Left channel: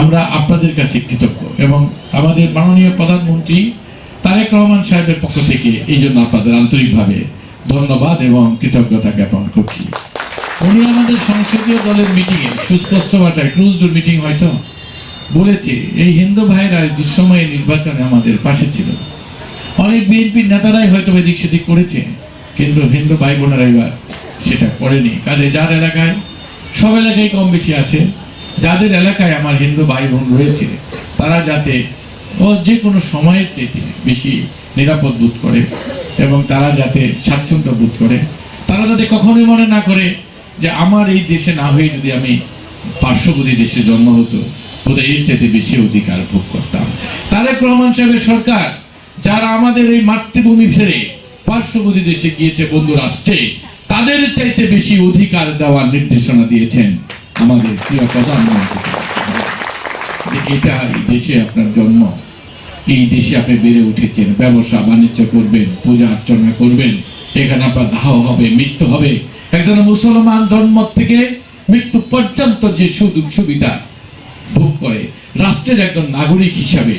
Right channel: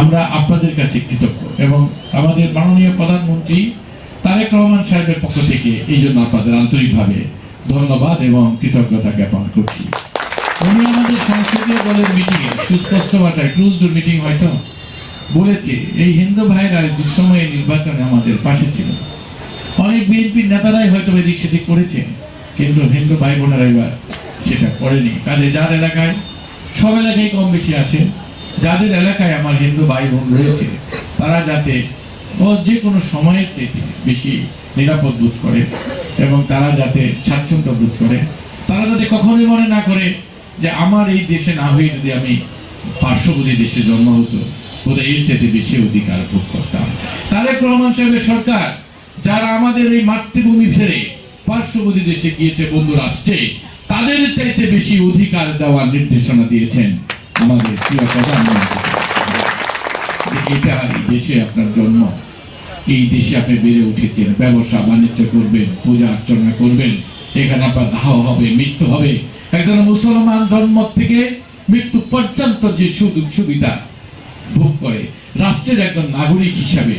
আমরা আপনাদের কাছে কৃতজ্ঞ এবং আমাদের মাননীয় প্রধানমন্ত্রী তারেক রহমান সাহেবের পক্ষ থেকে এই জন্য আপনাদের আন্তরিকভাবে ধন্যবাদ এবং কৃতজ্ঞতা জ্ঞাপন করছি। উনি আমাদের সংসদীয় দলের মিটিংয়ে সুস্পষ্ট ভাষায় ক্লোজড মিটিং হয়তো বলেছে এই হিন্দু ভাইরা দুঃসময়ে নির্বাচনে আমাদের পাশে ছিল। অনেক বিএনপির নেতারাই হয়তো এদিক সেদিক করেছে, কিন্তু হিন্দু ভাই বোনেরা এবার সেটা করেনি। কাজে যার এলাকায়, সব এলাকায় কম বেশি আছে, যাদের এলাকায় আমার হিন্দু ভাই বোন রয়েছে তারা যাতে যে কোনো সময়ের থেকে বেশি নিরাপদ বোধ করে এবং তারা যাতে স্বাচ্ছন্দ্য বোধ করে, তারা যাতে কখনোই মনে না করে যে আমার এই দেশে না হয়ে যদি আমি পার্শ্ববর্তী দেশে জন্ম হতো বোধহয় এর চাইতে বেশি অধিকার ভোগ করতাম। তারেক রহমান সাহেবের সরকার যারা আমাদের এই মাতৃভূমি ছেড়ে পার্শ্ববর্তী দেশে গিয়েছে বন্ধু রাষ্ট্রে, তাদের চাইতে বেশি অধিকার দেওয়ার নির্দেশনা দিয়েছেন আমাদের প্রিয় প্রধানমন্ত্রী। এটা এই দেশে আপনার জন্ম, এই দেশে আপনি বেড়ে উঠেছেন, ব্যবসা বাণিজ্য করবেন, পূজা অর্চনা করবেন, এখানে আপনার দাহ হবে, মৃত্যু হবে। একজন মুসলমান জন্ম থেকে মৃত্যু পর্যন্ত যে সুযোগ সুবিধা ভোগ করে, রাষ্ট্রের একজন নাগরিক হিসাবে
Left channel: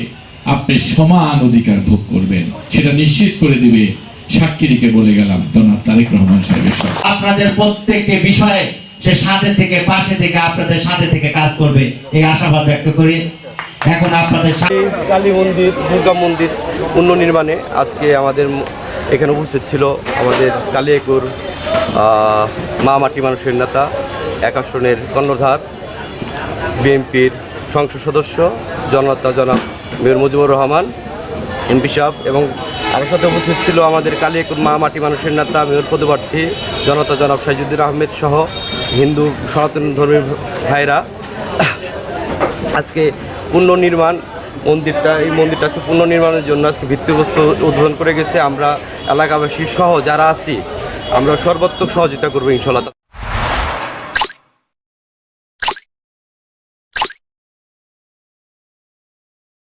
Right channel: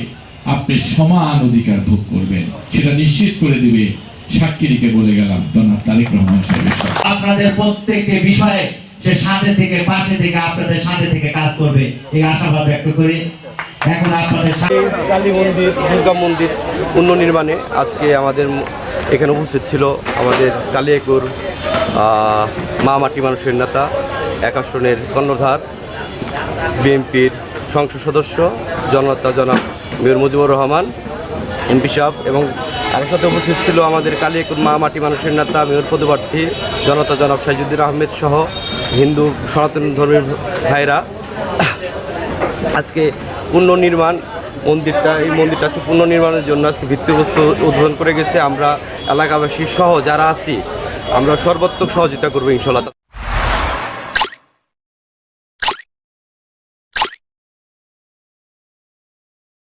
আপনি সমান অধিকার ভোগ করবেন, সেটা নিশ্চিত করে দিবে সাক্ষীকে বলে গেলাম জনাব তারেক রহমান সাহেবের। আপনাদের প্রত্যেকটি বিষয়ে সে সাথে থেকে পাশে থেকে আপনাদের সাথে থেকে কাজ করবে এই আশাবাদ ব্যক্ত করি। এখন আপনাদের কালী মন্দির, দুর্গা মন্দির পুনর্নির্মাণে আজকে আমাদের এখানে উপস্থিত ছিল আমাদের কালিয়াকৈর মা মাটি মানুষের নেতা, এক আসনের কর্ণধার, বিএনপির সংসদ সদস্য জনতা জনাব মেয়র মুজিবুর রহমান এমপি সাহেব, এবং তার সাথে উপস্থিত ছিল আমাদের কালিয়াকৈর মা মাটি মানুষের নেতা মেয়র পদপ্রার্থী জনতা জনাব সাইজুদ্দিন আহমেদ সহ হিন্দু সনাতন ধর্মীয় ভাইরা। আজকে পুনর্নির্মাণ এই মন্দিরটা আজকে পুনর্নির্মাণের জন্য আজকে ভিত্তিপ্রস্তর উদ্বোধন করে গেছে। আমরা এলাকাবাসী সহ যারা আছি আমরা সর্বাত্মক সহযোগিতা করবো ইনশাআল্লাহ।